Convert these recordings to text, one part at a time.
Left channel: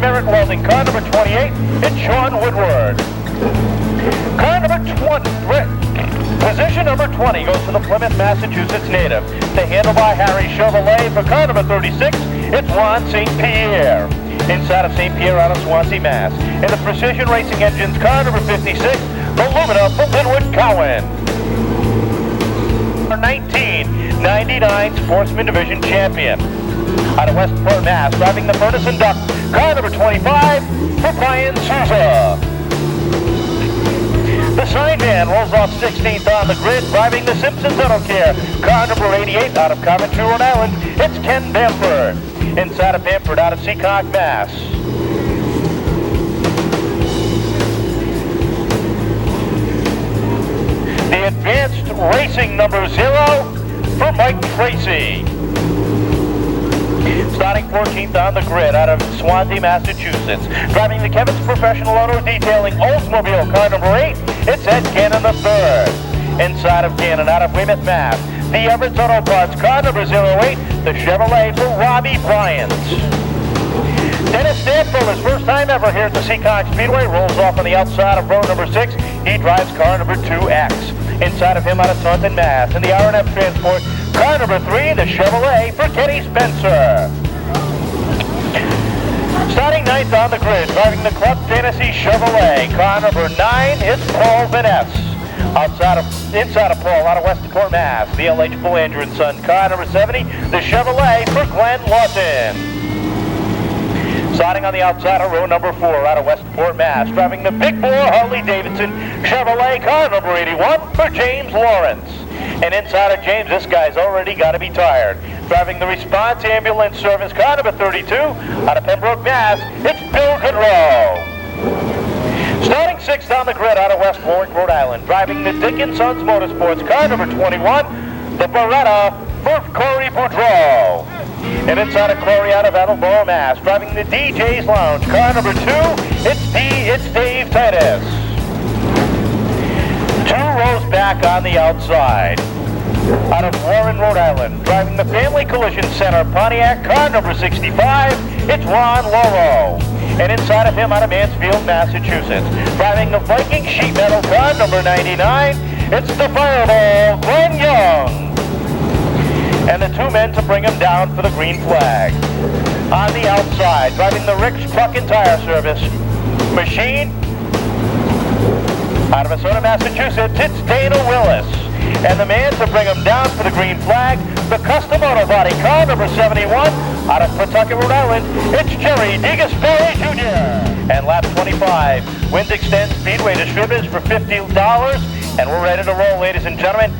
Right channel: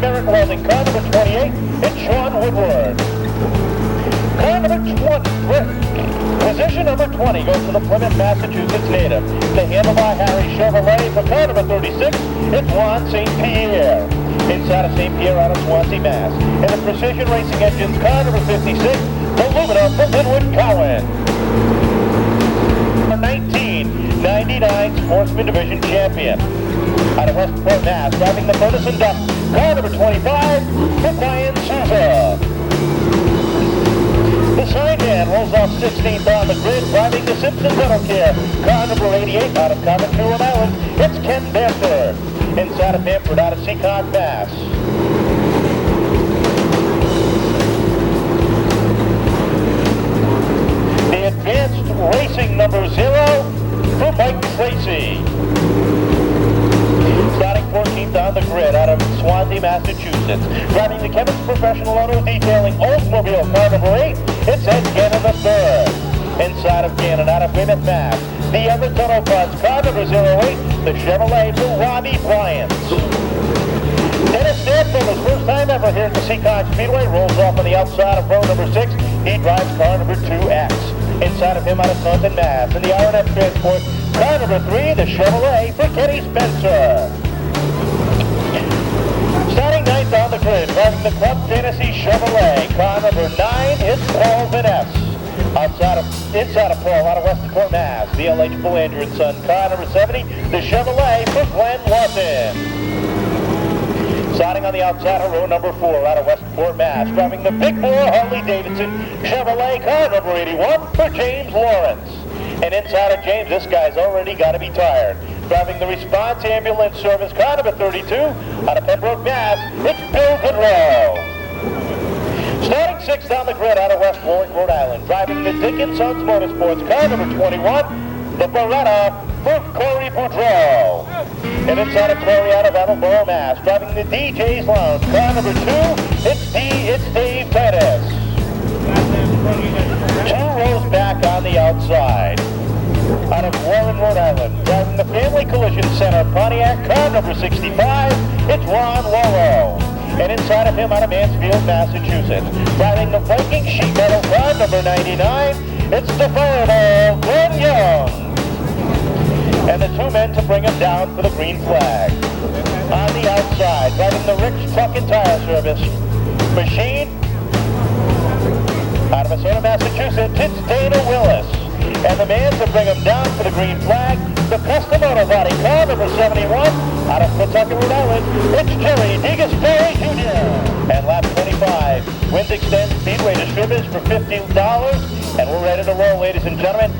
Merit Welding. Car number 28, it's Sean Woodward. Car number 20, position number 20 goes to the Plymouth, Massachusetts native. They handle by Harry Chevrolet. For car number 36, it's Juan St. Pierre. Inside of St. Pierre out of Swansea, Mass. And the Precision Racing Engines, car number 56, Illumina from Linwood, Cowan. 1999 Sportsman Division champion. Out of Westport, Mass, driving the Ferguson Duck, car number 25 for Bryan Souza. The sign man rolls off 16th on the grid, driving the Simpson Dental Care, car number 88 out of Coventry, Rhode Island. It's Ken Bamford. Inside of Bamford out of Seekonk, Mass. The advanced racing number 0 for Mike Tracy. Starting 14th on the grid out of Swansea, Massachusetts. Driving the Kevin's Professional Auto Detailing Oldsmobile, car number 8, it's Ed Cannon III. Inside of Cannon out of Weymouth, Mass. The Everett Auto Parts, car number 08, the Chevrolet for Robbie Bryant. Dennis Stanfield, his first time ever here at the Seekonk Speedway, rolls off on the outside of row number 6. He drives car number 2X. Inside of him out of Northern Mass. In the R&F Transport, car number 3, the Chevrolet for Kenny Spencer. Starting 9th on the grid, driving the Club Fantasy Chevrolet, car number 9, it's Paul Vaness. Inside of Paul, out of Westport, Mass. The LH Bull Andrew & Son, car number 70, the Chevrolet for Glenn Lawson. Starting on the outside of row number 4, out of Westport, Mass. Driving the Big 4 Harley-Davidson Chevrolet, car number 81 for James Lawrence. And inside of James, this guy's already got to be tired. Driving the Response Ambulance Service, car number 32, out of Pembroke, Mass. It's Bill Goodrow. Starting 6th on the grid out of West Florence, Rhode Island. Driving the Dickens Sons Motorsports, car number 21, the Beretta for Corey Boudreau. And inside of Corey out of Attleboro, Mass. Driving the DJ's Lounge, car number 2, it's Dave Pettis. 2 rows back on the outside. Out of Warren, Rhode Island. Driving the Family Collision Center, Pontiac, car number 65, it's Ron Loro. And inside of him out of Mansfield, Massachusetts. Driving the Viking Sheet Metal, car number 99, it's the Fireball, Glenn Young. And the 2 men to bring him down for the green flag. On the outside, driving the Rick's Truck and Tire Service machine. Out of Arizona, Massachusetts, it's Dana Willis. And the man to bring him down for the green flag, the Custom Auto Body, car number 71, out of Pawtucket, Rhode Island, it's Jerry DeGasperi Jr. And lap 25, Wind Extend Speedway Distributors for $50, and we're ready to roll, ladies and gentlemen.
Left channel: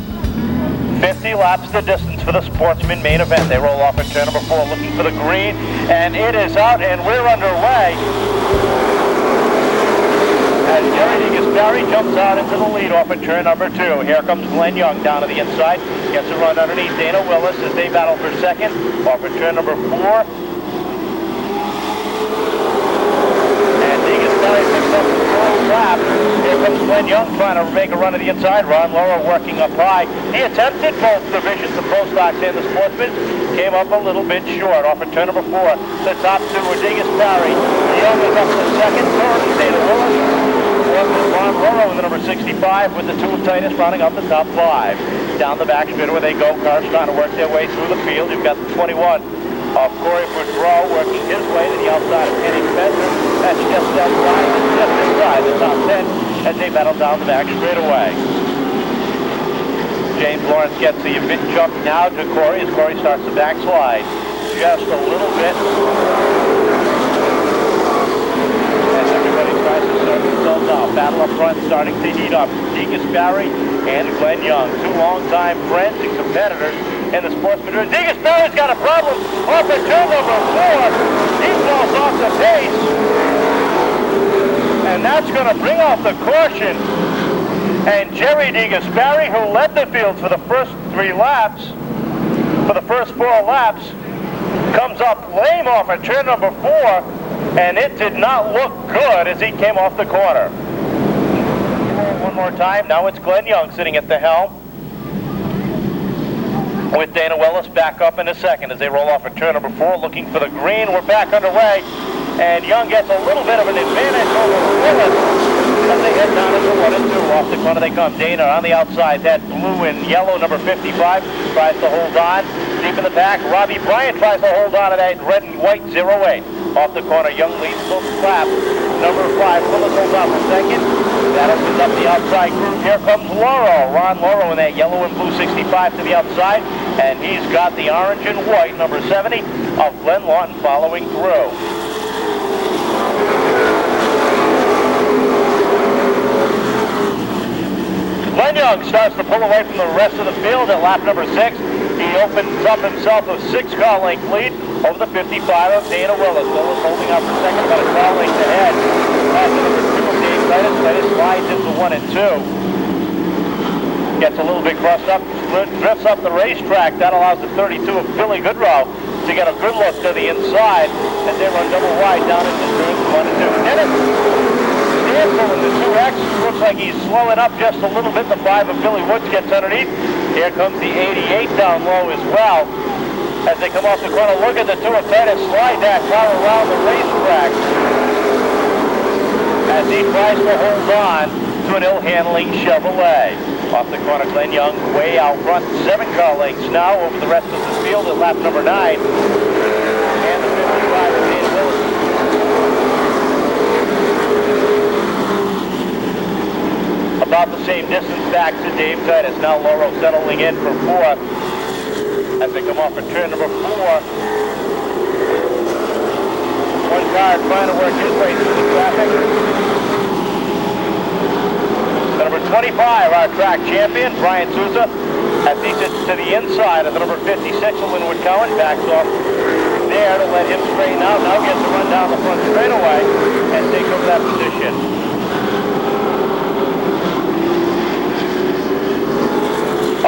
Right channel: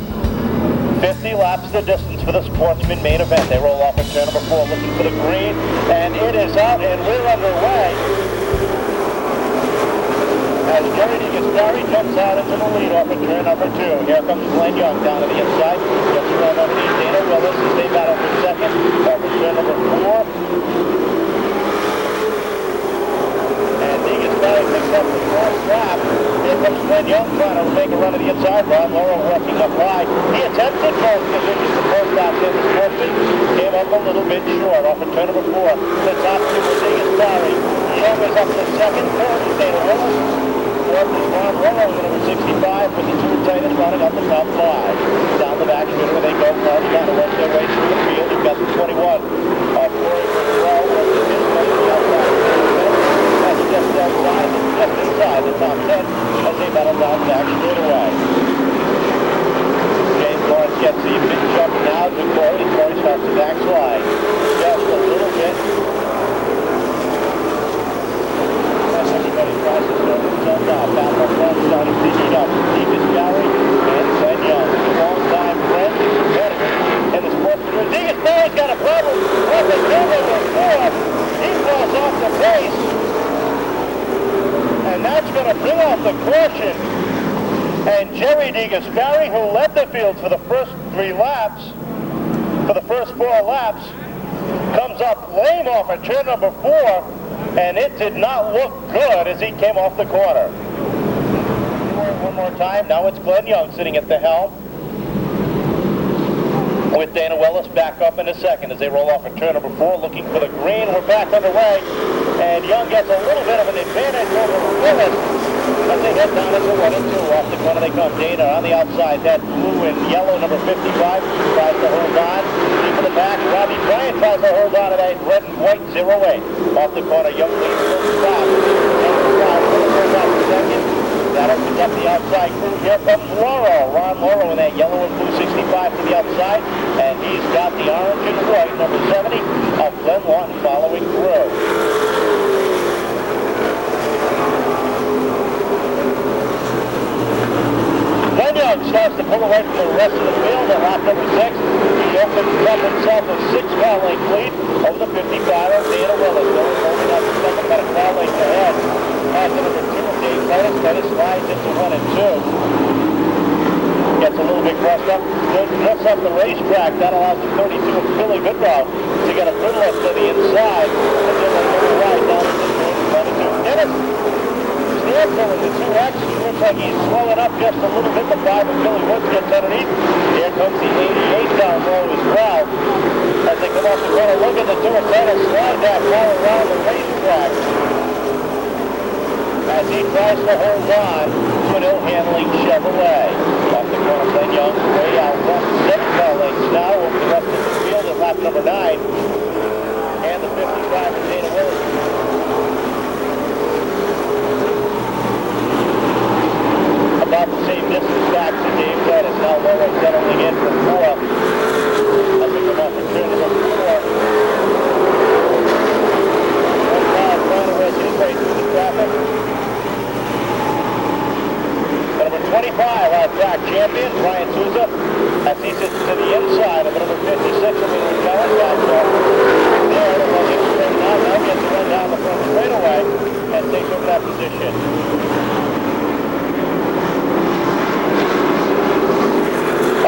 50 laps the distance for the Sportsman main event. They roll off at turn number 4, looking for the green, and it is out, and we're underway. As Jerry DeGasperi jumps out into the lead off at turn number 2. Here comes Glenn Young down to the inside. Gets a run underneath Dana Willis as they battle for second. Off at turn number 4. And DeGasperi picks up the first lap. Here comes Glenn Young trying to make a run to the inside. Ron Laura working up high. He attempted both divisions, the Pro Stock and the Sportsman. Came up a little bit short off at turn number 4. The top 2 were DeGasperi. Young is up to second. Third is Dana Willis. Fourth is Ron Loro, the number 65, with the 2 tightest running up the top 5. Down the back where they go. Cars trying to work their way through the field. You've got the 21. Corey Boudreau working his way to the outside of the 10. That's just inside the top 10 as they battle down back straight away. James Lawrence gets the big jump now to Corey as Corey starts the backslide. Just a little bit. As everybody tries to serve themselves out. Battle up front starting to heat up. DeGasperi and Glenn Young, 2 longtime friends and competitors in the Sportsman. DeGasperi's got a problem. Off at turn number 4. He falls off the pace. And that's going to bring off the caution. And Jerry DeGasperi, who led the field for the first 3 laps, for the first 4 laps, comes up lame off at turn number 4, and it did not look good as he came off the corner. One more time. Now it's Glenn Young sitting at the helm. with Dana Willis back up in a second as they roll off at turn number 4, looking for the green. We're back underway, and Young getting a little bit of an advantage over Willis as they head down into 1 and 2. Off the corner they come. Dana on the outside. That blue and yellow number 55 tries to hold on. Deep in the back. Robbie Bryant tries to hold on to that red and white 08. Off the corner, Young leads close fast. Number 5, Willis holds off the second. That opens up the outside group. Here comes Lauro. Ron Lauro in that yellow and blue 65 to the outside. And he's got the orange and white, number 70, of Glenn Lawton following through. Glenn Young starts to pull away from the rest of the field at lap number 6. He opens up himself a 6-car length lead over the 55 of Dana Willis. Willis holding up the second, about a car length ahead. As the number 2 of Dave Titus. Titus slides into 1 and 2. Gets a little bit crossed up, drifts up the racetrack. That allows the 32 of Billy Goodrow to get a good look to the inside. And then they go wide down to the 1 and 2. Dennis Danville in the 2X. Looks like he's slowing up just a little bit. The 5 of Billy Woods gets underneath. Here comes the 88 down low as well. As they come off the corner, look at the 2 of Titus slide that car around the racetrack. As he tries to hold on to an ill-handling Chevrolet. Off the corner, Glenn Young way out front. 7-car lengths now over the rest of the field at lap number 9. And the 55 of Dana Willis. About the same distance back to Dave Titus. Now Lauro settling in for 4th. As they come off of turn number 4. One car trying to work his way through the traffic. 25, our track champion, Bryan Souza, as he sits to the inside of the number 56 of Linwood Cowan, backs off there to let him straighten out. Now gets to run down the front straightaway and take over that position.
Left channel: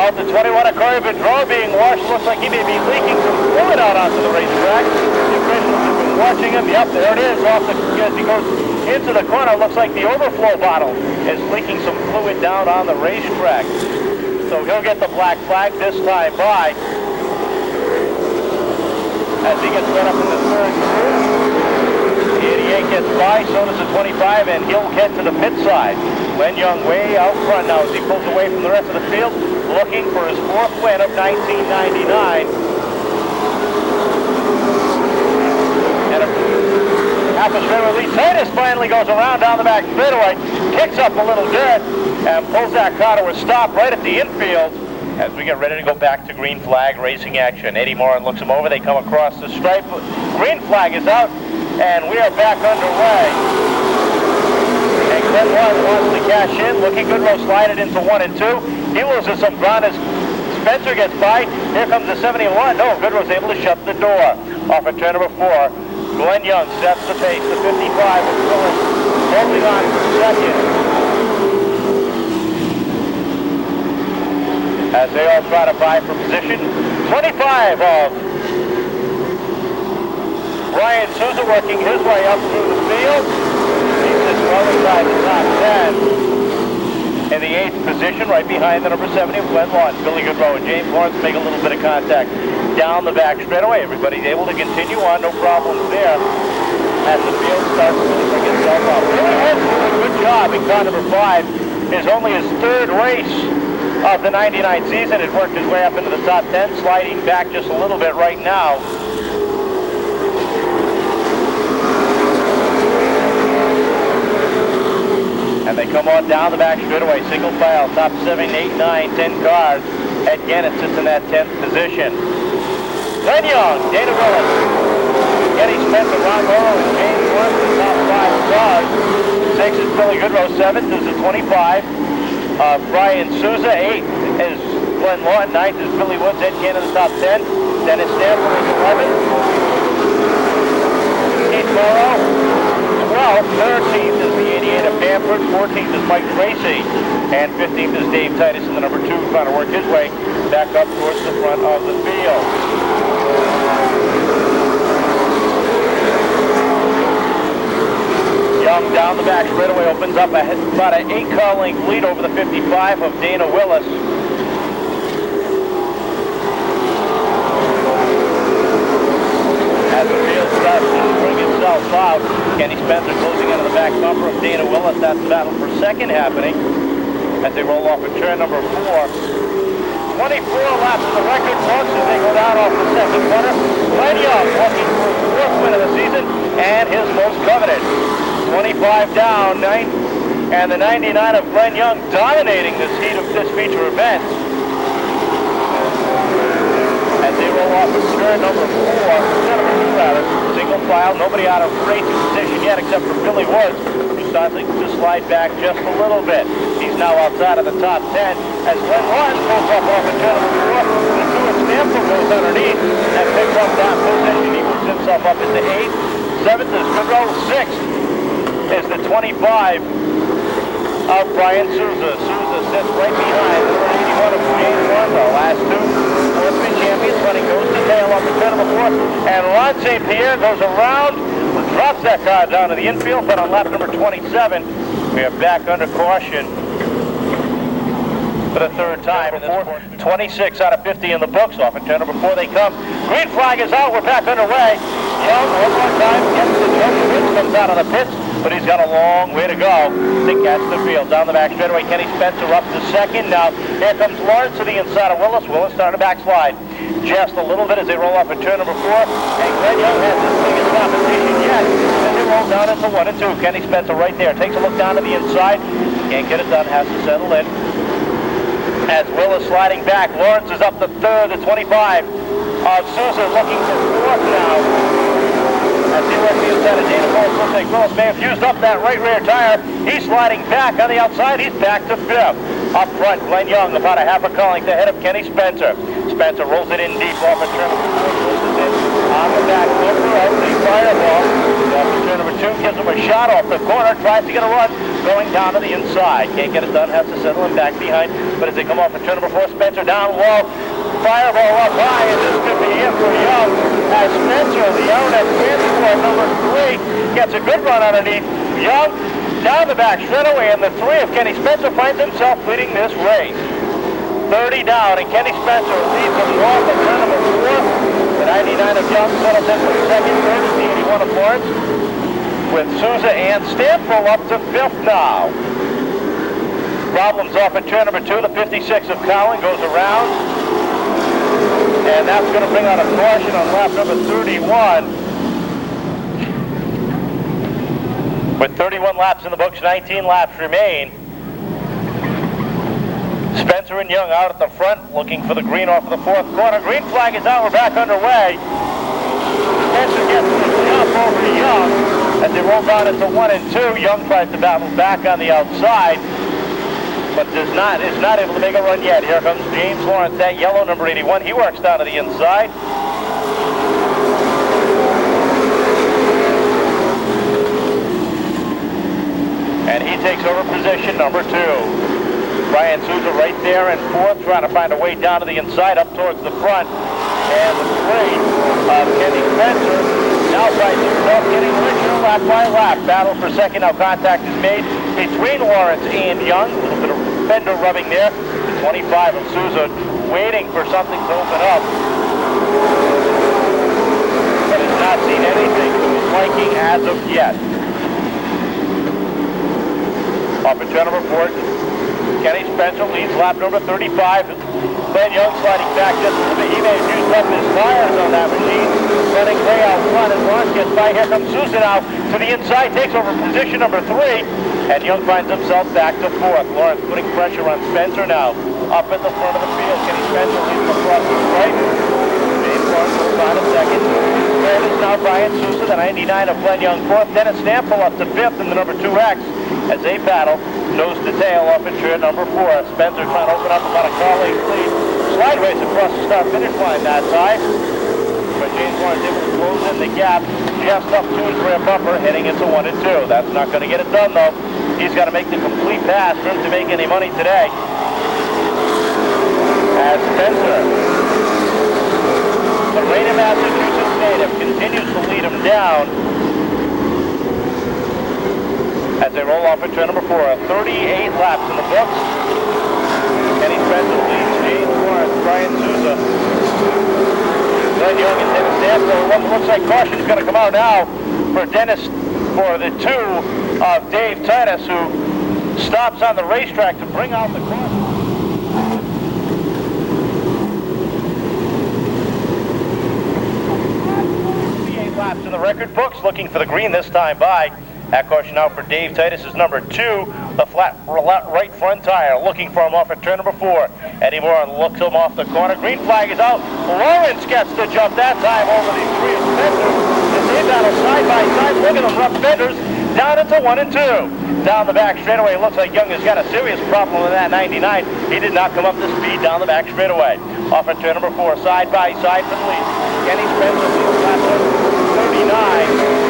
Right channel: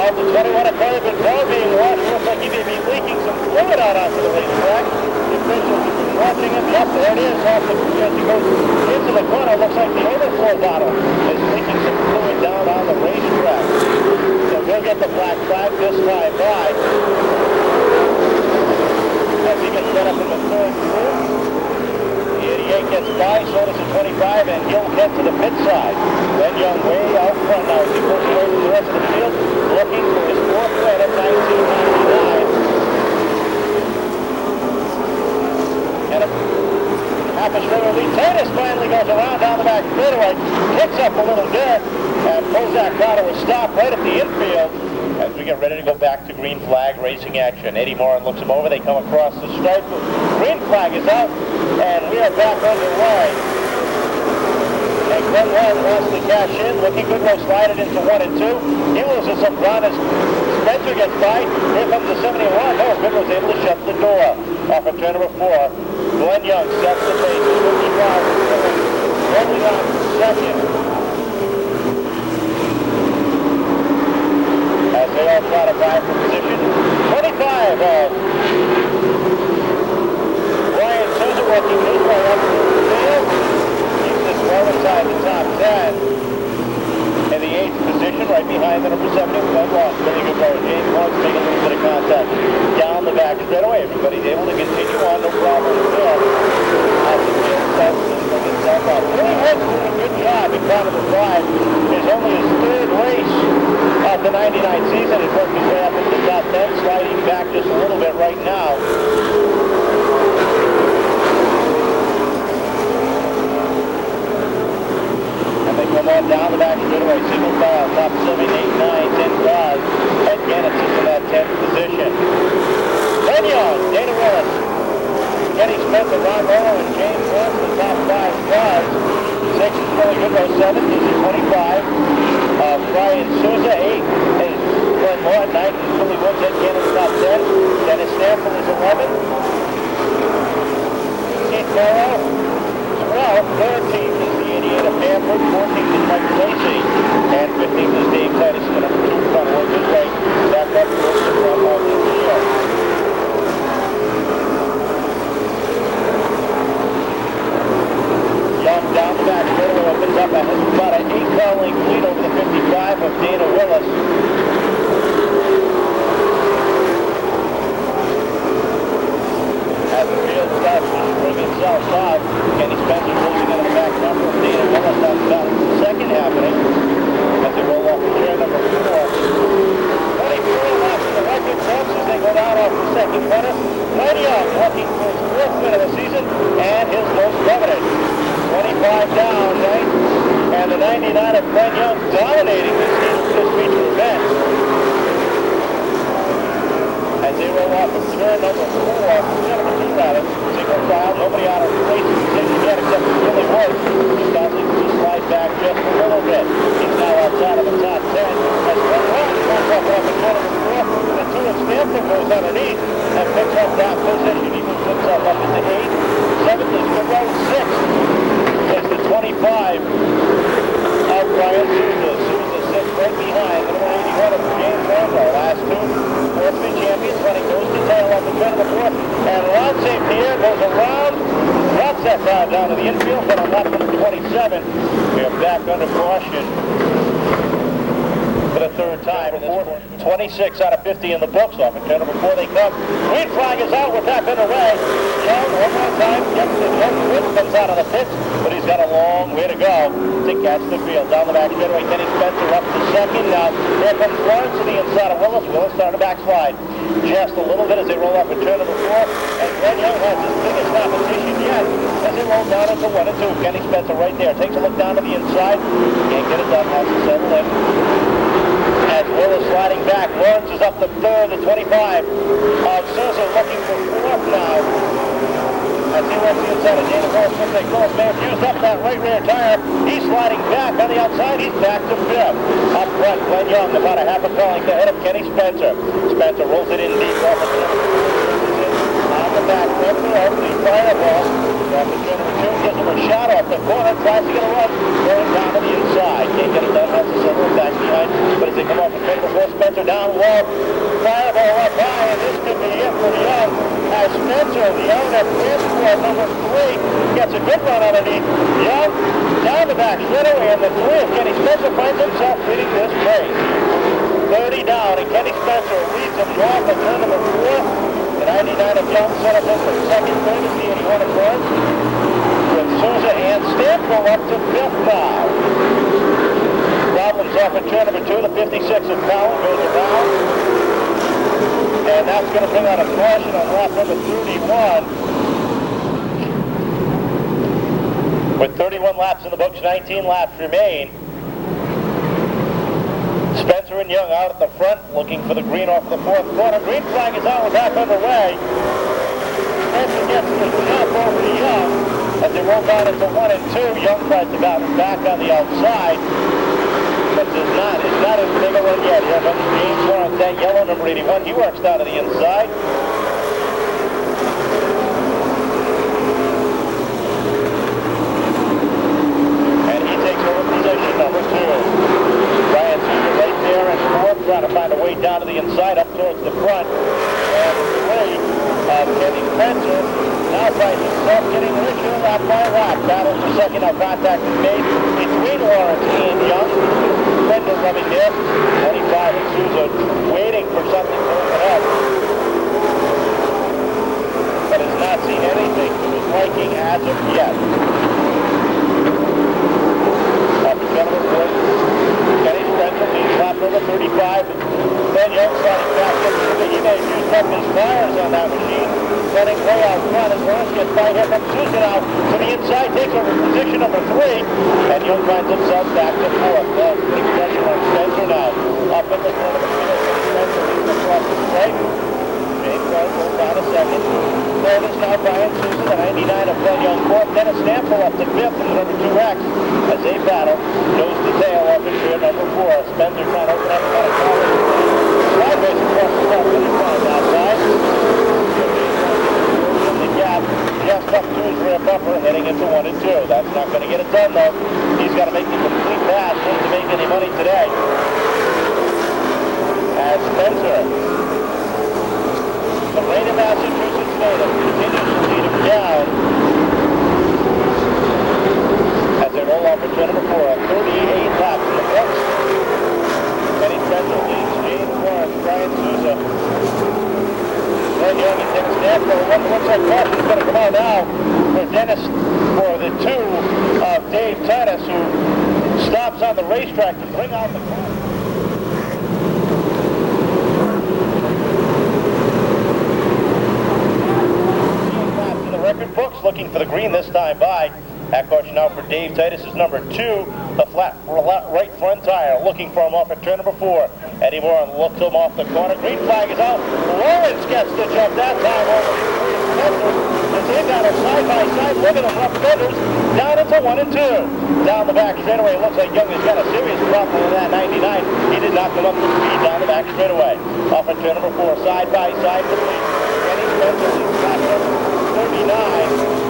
Off the 21, a Corbin Rowe being washed. Looks like he may be leaking some fluid out onto the racetrack. The officials have been watching him. Yep, there it is. Off the, as he goes into the corner, looks like the overflow bottle is leaking some fluid down on the racetrack. So he'll get the black flag this time by. As he gets set up in the 3rd group. The 88 gets by, so does the 25, and he'll head to the pit side. Glenn Young way out front now as he pulls away from the rest of the field, looking for his 4th win of 1999. And half a straight release. Titus finally goes around down the back straightaway, kicks up a little dirt, and pulls that car to a stop right at the infield as we get ready to go back to green flag racing action. Eddie Moran looks him over. They come across the stripe. Green flag is out, and we are back underway. And Glenn Lawton wants to cash in. Looking good, Rose slided into 1 and 2. He loses some ground as Spencer gets by. Here comes the 71. No, Goodrow's able to shut the door. Off at turn number 4. Glenn Young steps the pace. 55. Holding on for second. As they all try to vie for position. 25 of Bryan Souza working his way up to the field. Keeps it well inside the top 10. In the 8th position, right behind the number 70, Glenn Lawton. Really good road. James wants to make a little bit of contact down the back straightaway. Everybody's able to continue on, no problem there. As the field starts to bring itself up. Billy Woods doing a good job in car number 5. It's only his 3rd race of the 99 season. It worked his way up into the top 10, sliding back just a little bit right now. And they come on down the back straightaway, single file, top 7, 8, 9, 10 cars. Ed Gannett sits in that 10th position. Glenn Young, Dana Willis, Kenny Spencer, Ron Lauro, and James Warren, the top 5 cars. 6 is Billy Goodrow, 7th is the 25. Bryan Souza, 8 is Glenn Lawton, 9th is Billy Woods, Ed Gannett, top 10. Dennis Danville is 11th. Keith Morrow, 12th. 13th is the 88 of Bamford, 14th is Mike Tracy, and 15th is Dave Titus in the number 2, trying to work his way back up towards the front of the field. Young down the back straightaway opens up about an 8-car length lead over the 55 of Dana Willis. And the 99 of Glenn Young dominating this heat of this feature event. As they roll off of turn number 2 rather, single file, nobody out of race position yet except for Billy Woods. He's starting to slide back just a little bit. He's now outside of the top 10. As Glenn Young goes up off of turn number 4, the Stewart Stample goes underneath and picks up that position. He moves himself up into 8th, 7th is to go 6th. Is the 25 of Bryan Souza. Souza sits right behind number 81 of James Warner. Last 2 Sportsman champions, but he goes to tail on the turn number 4. And Ron St. Pierre goes around, drops that car down to the infield, but on lap number 27, we are back under caution for the 3rd time. 26 out of 50 in the books. Off at turn number 4 they come. Green flag is out. We're back underway. Young, one more time, gets the jump. Fritz comes out of the pit, but he's got a long way to go to catch the field. Down the back straightaway, Kenny Spencer up to 2nd. Now, here comes Lawrence to the inside of Willis. Willis starting to backslide just a little bit as they roll off at turn number 4. And Glenn Young has his biggest competition yet. And they roll down into 1 and 2. Kenny Spencer right there. Takes a look down to the inside. Can't get it done. Has to settle in. As Willis riding back. Lawrence is up the 3rd, the 25. Souza looking for 4th now. As he works the inside of Dana Ball, may have used up that right rear tire. He's sliding back on the outside. He's back to 5th. Up front, Glenn Young about a half a car length ahead of Kenny Spencer. Spencer rolls it in deep off the on the back bumper of the Fireball. Turn number 2 gives him a shot off the corner. Tries to get a run going down to the inside. Can't get it done. Has to settle it back behind. But as they come off the turn number 4, Spencer down low. Fireball up high, and this could be it for Young. As Spencer, the RNF transport number 3, gets a good run underneath. Young down the back straightaway, and the 3 of Kenny Spencer finds himself leading this race. 30 down, and Kenny Spencer leads him off of turn number 4. The 99 of Young settles in for 2nd, 3rd is the 81 of Lawrence. With Souza and Stample up to 5th now. Problems off at turn number 2. The 56 of Cowan goes around. And that's going to bring out a caution on lap number 31. With 31 laps in the books, 19 laps remain. Spencer and Young out at the front, looking for the green off the 4th corner. Green flag is out. We're back underway. Spencer gets the jump over Young. As they roll down into 1 and 2, Young tries to battle back on the outside, but is not able to make a run yet. Here comes James Lawrence, that yellow number 81. He works down to the inside. And he takes over position number 2. Bryan Souza right there in 4th, trying to find a way down to the inside, up towards the front. And 3 Kenny Spencer now finds himself getting richer lap by lap. Battle for 2nd. Now contact is made between Lawrence and Young. Fender rubbing there. The 25 of Souza waiting for something to open up. But has not seen anything to his liking as of yet. Off at turn number 4. Kenny Spencer leads lap number 35. Glenn Young sliding back into the he may have used up his tires on that machine. Running way out front as Lawrence gets by. Here comes Souza now to the inside, takes over position number 3, and Young finds himself back to 4th. Lawrence putting pressure on Spencer now. Up in the front of the field, Spencer leads across the stripe. James Lawrence goes on to 2nd. 3rd is now Bryan Souza, the 99 of Glenn Young 4th. Dennis Stample up to 5th in the number 2X as they battle nose to tail off at turn number 4. Spencer trying to open up on a car lead. Sideways across the start finish line that side. In the gap, Jeff up to his rear bumper, heading into 1 and 2. That's not going to get it done, though. He's got to make the complete pass to make any money today. As Spencer, the Rainier, Massachusetts native, continues to lead him down as they roll off at turn number 4. 38 laps in the book. Kenny Spencer leads James Lawrence, Bryan Souza. Glenn Young is able to stand, so it looks like caution is going to come out now for Dennis, for the 2 of Dave Titus, who stops on the racetrack to bring out the laps in the record books, looking for the green this time by. That caution out for Dave Titus is number 2 the flat right front tire, looking for him off at turn number 4. Eddie Moore looks him off the corner. Green flag is out. Lawrence gets the jump that time over the three Spencer. As they battle side by side, look at them rough fenders down into 1 and 2. Down the back straightaway, it looks like Young has got a serious problem with that 99. He did not come up to speed down the back straightaway. Off at turn number 4, side by side with the Kenny Spencer, lap number 39.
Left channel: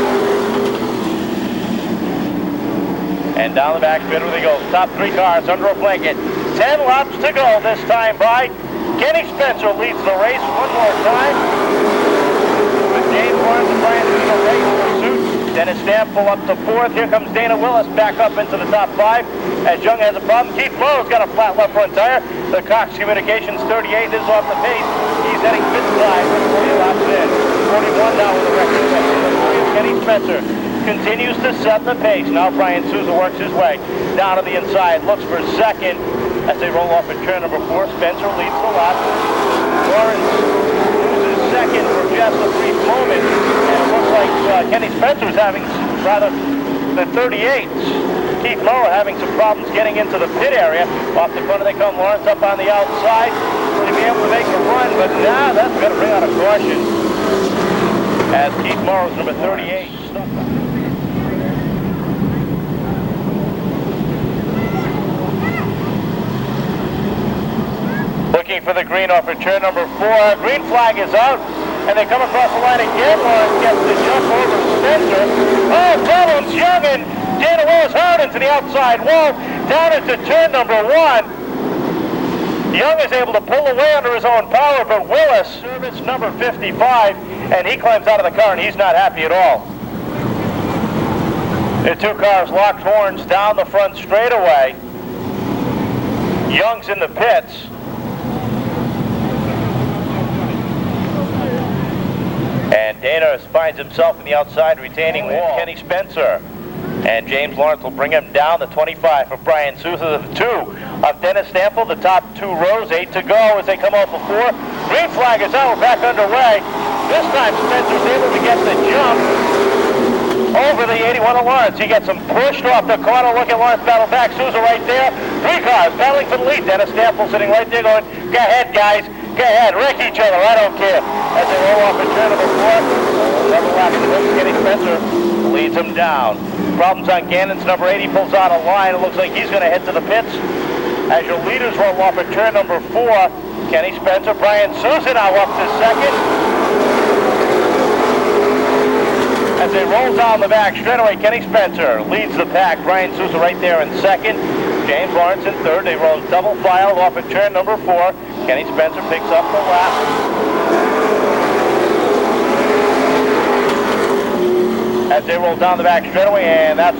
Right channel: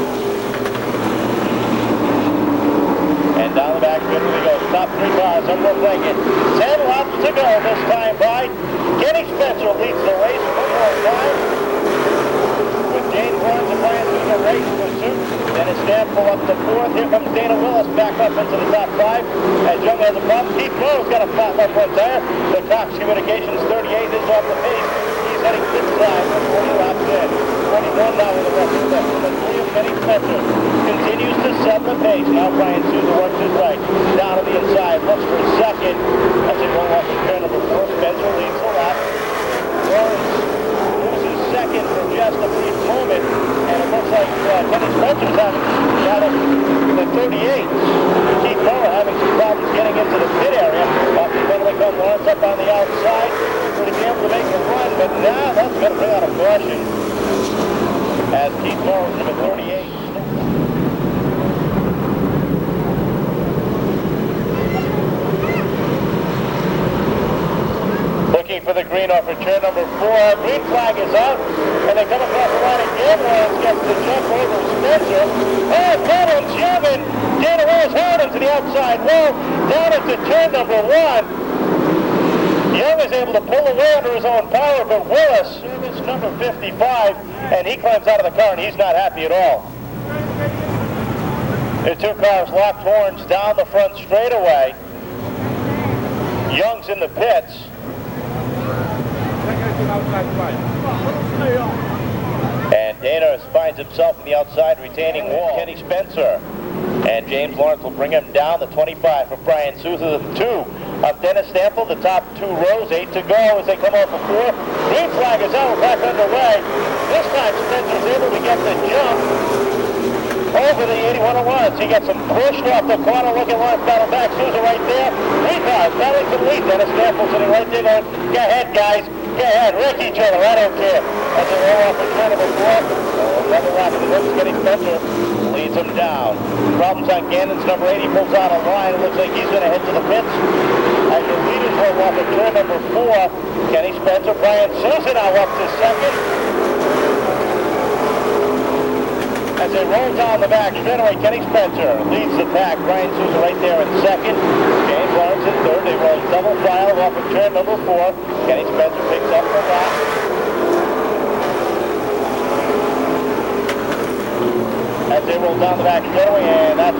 And down the back straightaway we go. Top 3 cars under a blanket. 10 laps to go this time by. Kenny Spencer leads the race one more time. With James Lawrence and Bryan Souza race pursuit. Dennis Stample up to 4th. Here comes Dana Willis back up into the top 5. As Young has a problem. Keith Morrow's got a flat left front tire. The Cox Communications 38 is off the pace. He's heading pit side with 40 laps in. 41 now with a record book. And the 3 of Kenny Spencer continues to set the pace. Now Bryan Souza works his way down to the inside. Looks for second as they roll off at turn number 4. Spencer leads the lot. Lawrence loses second for just a brief moment. And it looks like Kenny Spencer's having the 38. Keith Moore having some problems getting into the pit area. Off the front they come. Lawrence up on the outside. To be able to make a run, but now that's going to bring out a caution. As Keith Morrow's number 38. Looking for the green off at turn number 4. Green flag is out, and they come across the line again. Lawrence gets the jump over Spencer. Oh, problems, Young, and Dana Willis hard into the outside wall, down into turn number 1. Young is able to pull away under his own power, but Willis, service number 55, and he climbs out of the car, and he's not happy at all. The 2 cars locked horns down the front straightaway. Young's in the pits. And Dana finds himself in the outside retaining wall. Kenny Spencer. And James Lawrence will bring him down the 25 for Bryan Souza. The 2 of Dennis Stample, the top 2 rows, 8 to go as they come out the 4. Green flag is out, back underway. This time Spencer's able to get the jump over the 81 of Lawrence. He gets him pushed off the corner. Look at Lawrence battle back. Souza right there. 3 cars battling for the lead. Dennis Stample sitting right there going, go ahead, guys. Go ahead. Wreck each other. I don't care. As they roll off at turn number 4. Another lap to this. Kenny Spencer leads him down. Problems on Gannon's number 80. Pulls out a line. It looks like he's going to head to the pits. As your leaders roll off at turn number 4. Kenny Spencer, Bryan Souza now up to second. As they roll down the back straightaway, Kenny Spencer leads the pack. Bryan Souza right there in second. James Lawrence in third. They roll double file off at turn number 4. Kenny Spencer picks up the lap. As they roll down the back straightaway, and that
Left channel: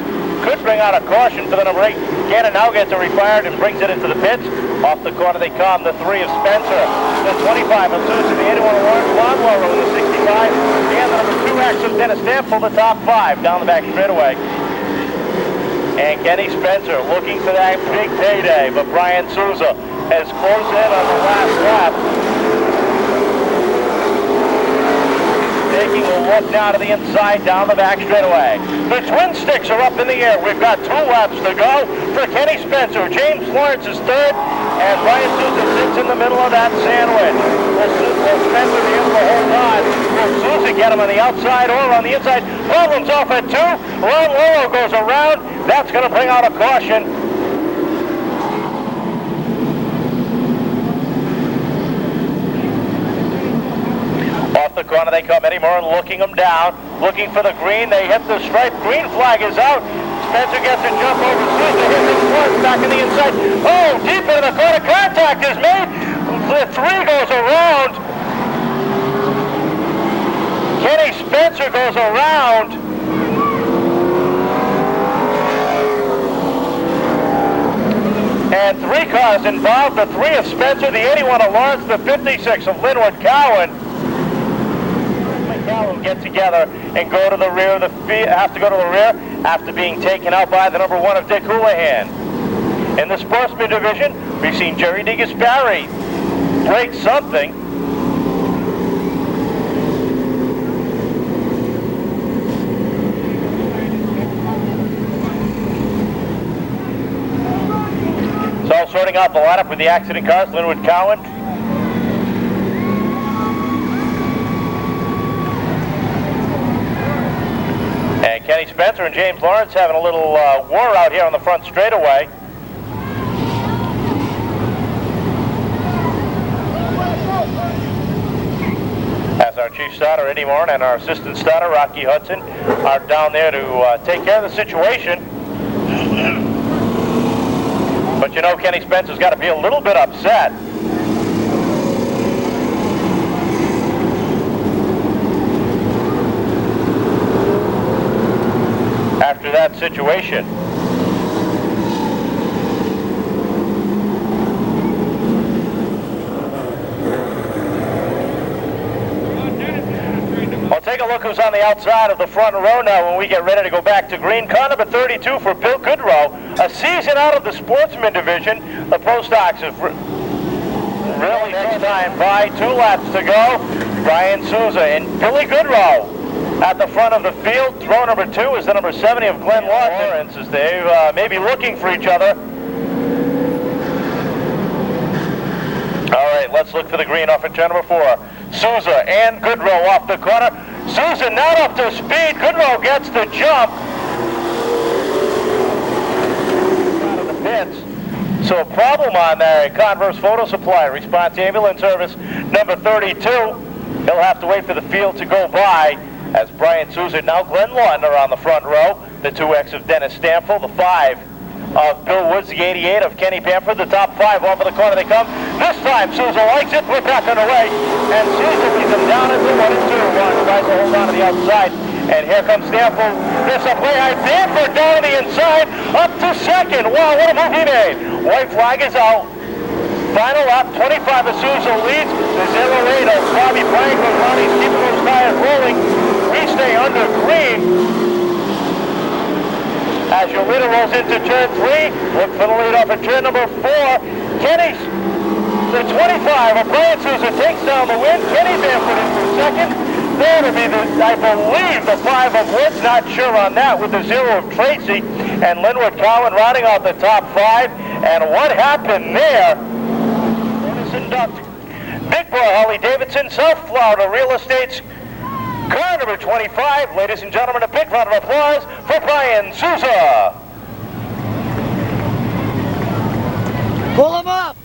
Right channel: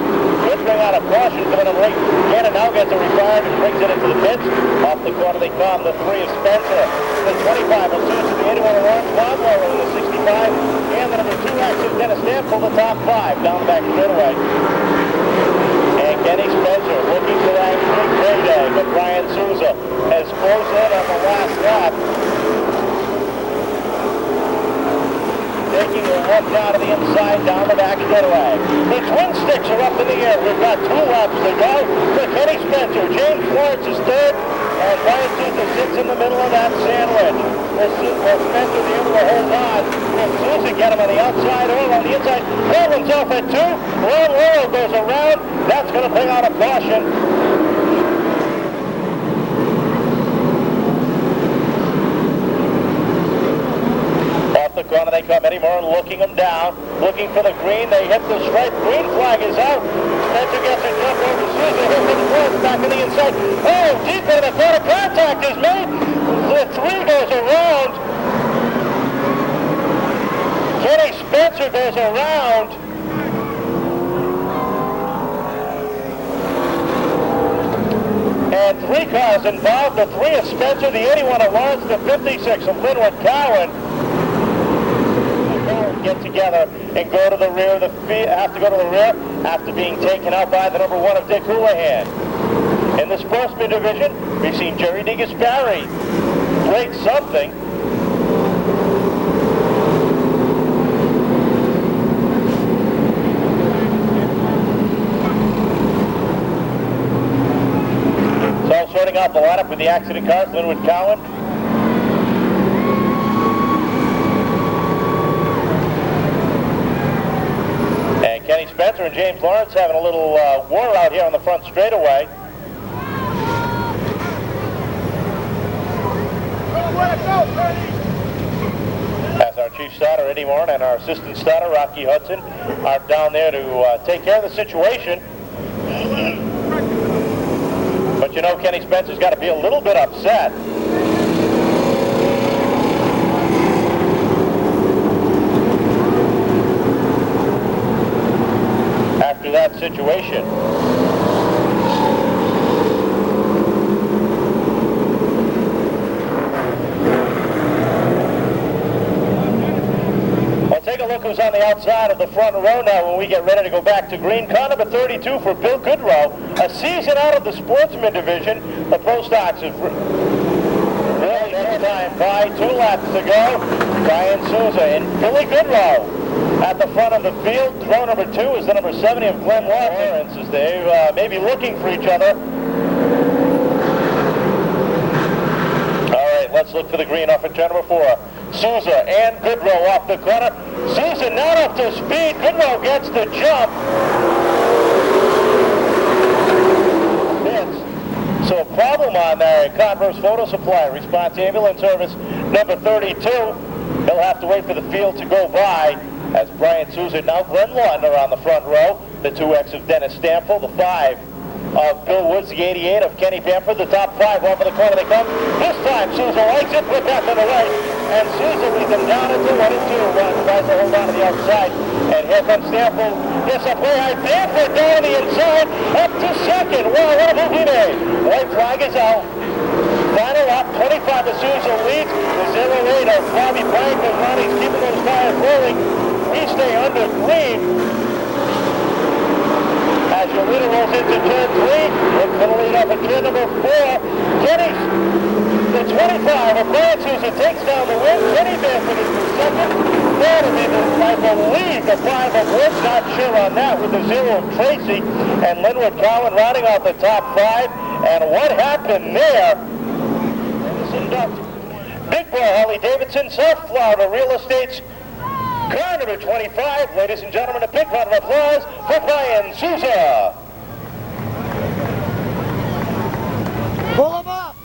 could bring out a caution for the number 8. Gannon now gets it refired and brings it into the pits. Off the corner they come, the 3 of Spencer. The 25 of Souza, the 81 of Lawrence, Lawnmower the 65. And the number 2 action, Dennis Stample, the top 5, down the back straightaway. And Kenny Spencer looking for that big payday, but Bryan Souza has closed in on the last lap. Taking a look down to the inside, down the back straightaway. The twin sticks are up in the air. We've got 2 laps to go for Kenny Spencer. James Lawrence is third, and Bryan Souza sits in the middle of that sandwich. Will Spencer be able to hold on? Will Souza get him on the outside or on the inside? Problems off at 2. Ron Lolo goes around. That's going to bring out a caution. The corner they come. Eddie Moore looking them down, looking for the green. They hit the stripe. Green flag is out. Spencer gets a jump over Souza. Here comes Lawrence back in the inside. Oh, deep into the corner. Contact is made. The 3 goes around. Kenny Spencer goes around. And 3 cars involved. The 3 of Spencer, the 81 of Lawrence, the 56 of Linwood Cowan. Get together and go to the rear of the field, have to go to the rear after being taken out by the number 1 of Dick Houlihan. In the Sportsman division, we've seen Jerry DeGasperi break something. out the lineup with the accident cars, Linwood Cowan. And Kenny Spencer and James Lawrence having a little war out here on the front straightaway. As our chief starter, Eddie Moran, and our assistant starter, Rocky Hudson, are down there to take care of the situation. But you know, Kenny Spencer's got to be a little bit upset. After that situation. Well, take a look who's on the outside of the front row now when we get ready to go back to green. Car number 32 for Bill Goodrow. A season out of the Sportsman division. The Pro Stocks is really next time by. 2 laps to go. Bryan Souza and Billy Goodrow at the front of the field. Row number 2 is the number 70 of Glenn Lawrence, as they may be looking for each other. All right, let's look to the green off at turn number 4. Souza and Goodrow off the corner. Souza not up to speed. Goodrow gets the jump. So a problem on that. Converse Photo Supply, response ambulance service number 32. He'll have to wait for the field to go by as Bryan Souza, now Glenn Lawton are on the front row. The 2X of Dennis Stample, the 5 of Bill Woods, the 88 of Kenny Bamford, the top 5 off of the corner they come. This time Souza likes it, we're back on the way, and Souza leads them down into 1 and 2. One tries to hold on to the outside, and here comes Stample. This up way high, Bamford down to the inside, up to second. Wow, what a move he made. White flag is out. Final lap, 25 of Souza leads. The 08 of Bobby Bryant goes on, he's keeping those tires rolling. We stay under green. As your leader rolls into turn 3, look for the lead off at turn number 4. Kenny, the 25 of Bryan Souza takes down the win. Kenny Bamford is second. There to be the, I believe, the 5 of Woods, not sure on that, with the 0 of Tracy. And Linwood Cowan rounding out the top 5. And what happened there? Big Boy Harley Davidson, South Florida Real Estate's car number 25. Ladies and gentlemen, a big round of applause for Bryan Souza. Pull him up.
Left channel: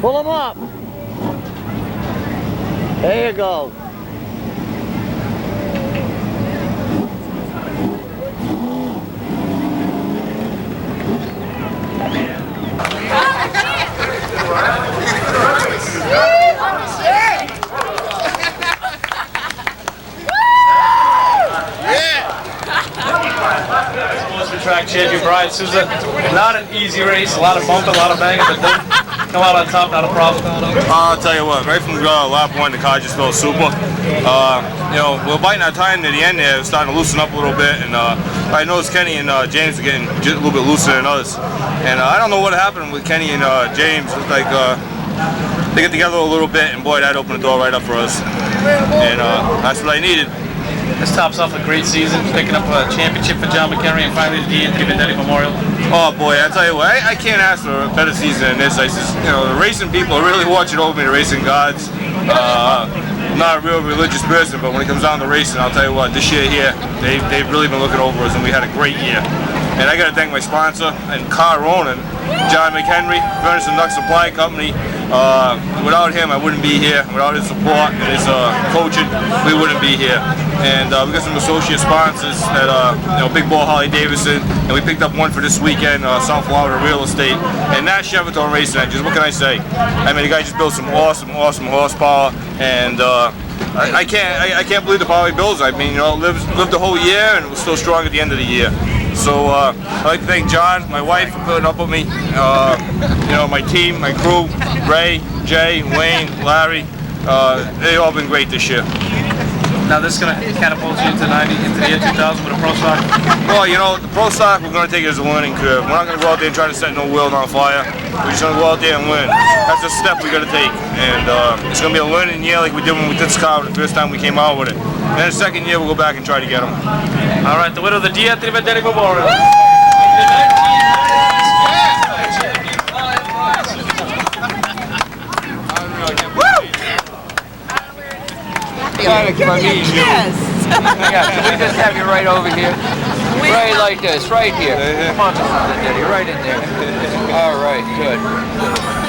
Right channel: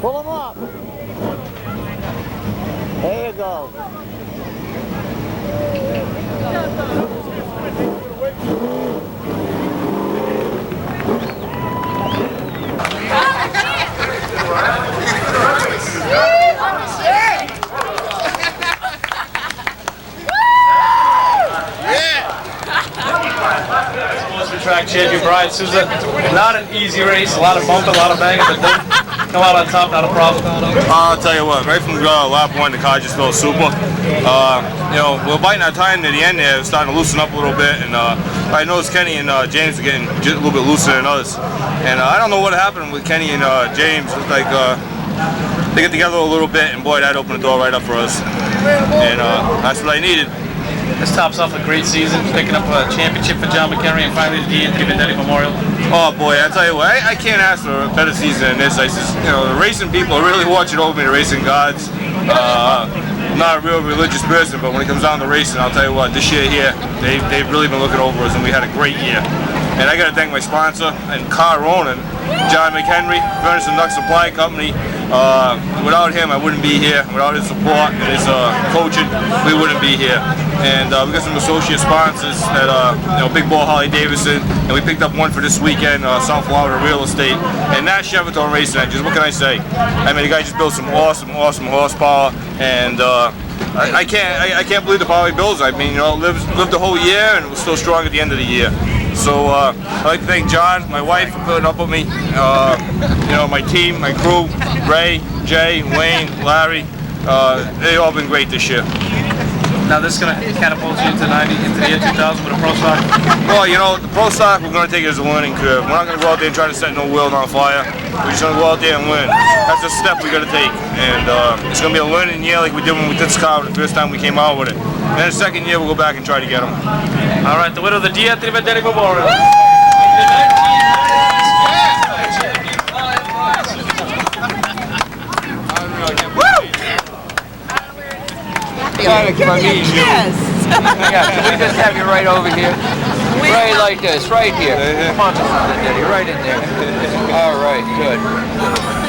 Pull him up. There you go. Sportsman track champion Bryan Souza. Not an easy race, a lot of bumping, a lot of banging, but then come out on top, not a problem. I'll tell you what, right from lap 1, the car just felt super. You know, we're biting our time near the end there, starting to loosen up a little bit, and I noticed Kenny and James are getting just a little bit looser than us. And I don't know what happened with Kenny and James. It's like they get together a little bit, and boy, that opened the door right up for us. And that's what I needed. This tops off a great season, picking up a championship for John McHenry and finally the D&T Vendetti Memorial. Oh boy, I tell you what, I can't ask for a better season than this. I just, you know, the racing people are really watching over me, the racing gods. I'm not a real religious person, but when it comes down to racing, I'll tell you what, this year here, they've really been looking over us, and we had a great year. And I got to thank my sponsor and car owner, John McHenry, Furnace and Duck Supply Company. Without him, I wouldn't be here. Without his support and his coaching, we wouldn't be here. And we got some associate sponsors that, you know, Big Ball Harley Davidson, and we picked up one for this weekend, South Florida Real Estate, and Nash Chevaton Racing Engines. What can I say? I mean, the guy just built some awesome horsepower, and I can't believe the power he builds. I mean, you know, lived the whole year and was still strong at the end of the year. So I'd like to thank John, my wife, for putting up with me. You know, my team, my crew, Ray, Jay, Wayne, Larry. They've all been great this year. Now this is going to catapult you into the year 2000 with a pro stock? Well, you know, the pro stock, we're going to take it as a learning curve. We're not going to go out there and try to set no world on fire. We're just going to go out there and learn. That's a step we got to take. And it's going to be a learning year like we did when we did this car the first time we came out with it. And then the second year, we'll go back and try to get them. All right, the winner of the DAV Memorial. Yes. Yeah, can we just have you right over here? Right like this, right here. Come on, Daddy, right in there. All right, good.